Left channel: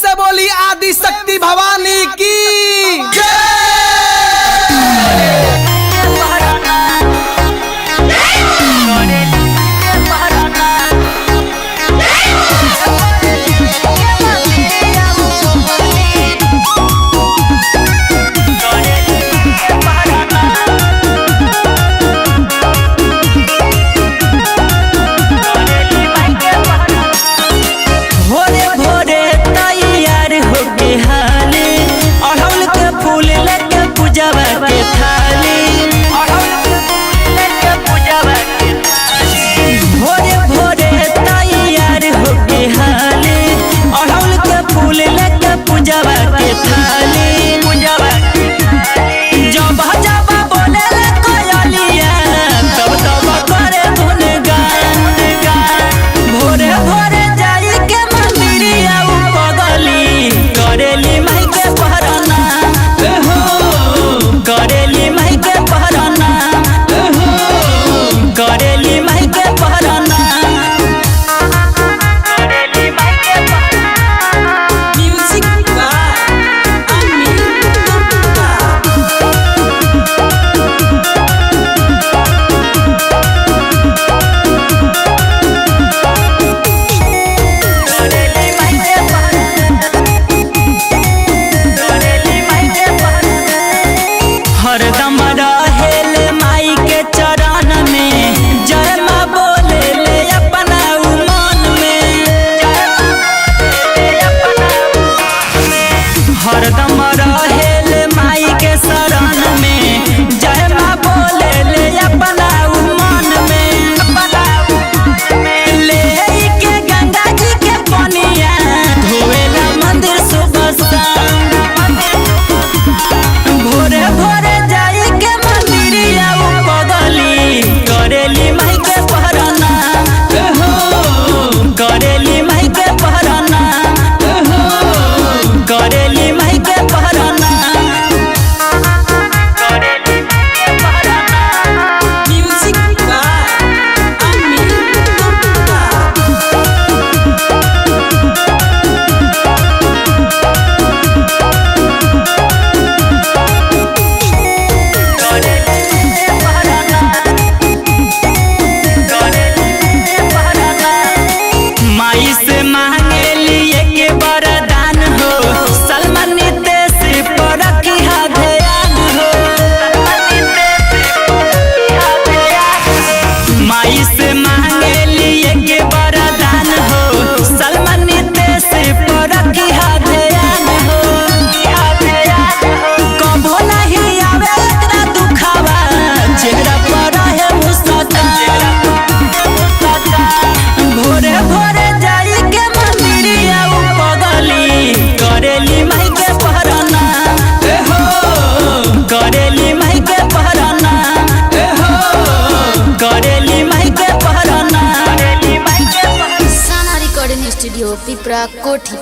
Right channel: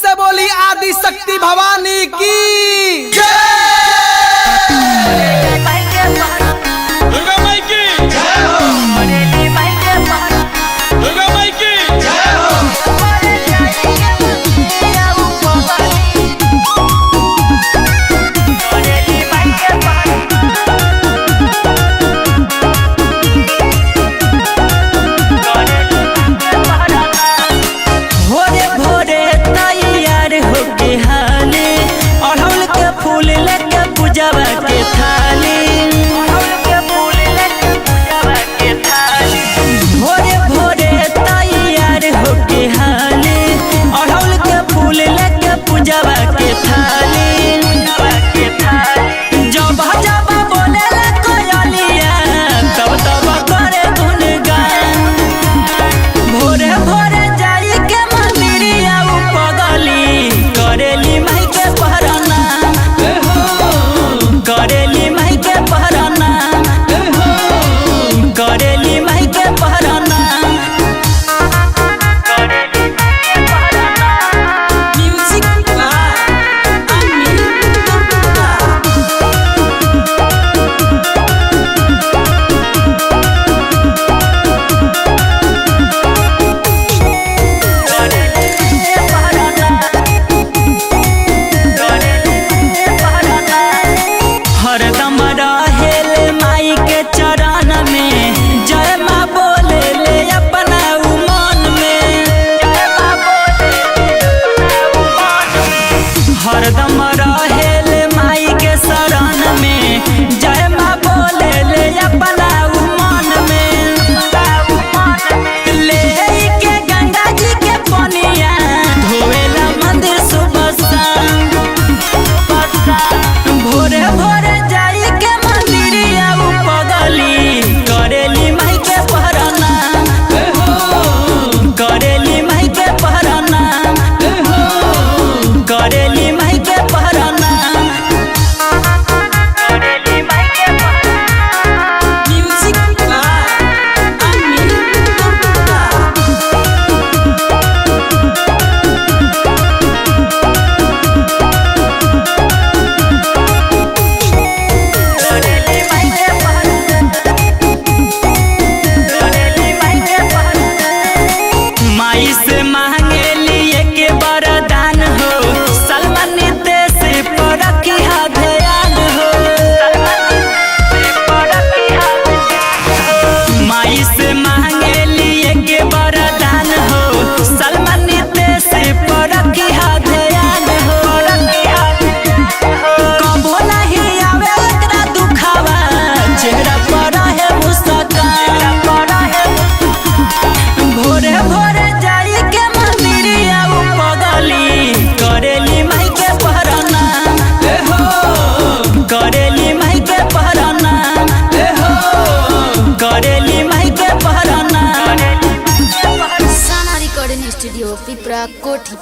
से बोली आदि शक्ति भवानी की अड़हुल के फूल लेके पूजवा के थाली भोरे भोरे तैयार होके हाली अड़हुल के फूल लेके पूजवा के थाली जब जब बोले ला कोयलिया तब तब करे गुनगान भोरे भोरे जाई के मंदिरिया पगली करेली माई के पहराना करेली माई के पहराना करेली माई के पहराना हरदम रहेले माई के चरण में जय माँ बोले ले अपना मन में हरदम रहेले माई के शरण में जय माँ बोले ले अपना मन में ले के गंगा जी के पनिया धोएला मंदिर सुबह शाम भोरे भोरे जाई के मंदिरिया पगली करेली माई के पहराना करेली माई के पहराना करेली माई के पहराना माई से मांगे लिए के वरदान हो सलमान नितेश पर रखिया ध्यान हो माई से मांगे लिए के वरदान हो सलमान नितेश पर रखिया ध्यान हो कबो नहीं आवे एकरा दुखावा चेहरा पर है मुस्कान भोरे भोरे जाई के मंदिरिया पगली करेली माई के पहराना करेली माई के पहराना करेली माई के पहराना साना रिकॉर्डिंग स्टूडियो पिपरा कोठी।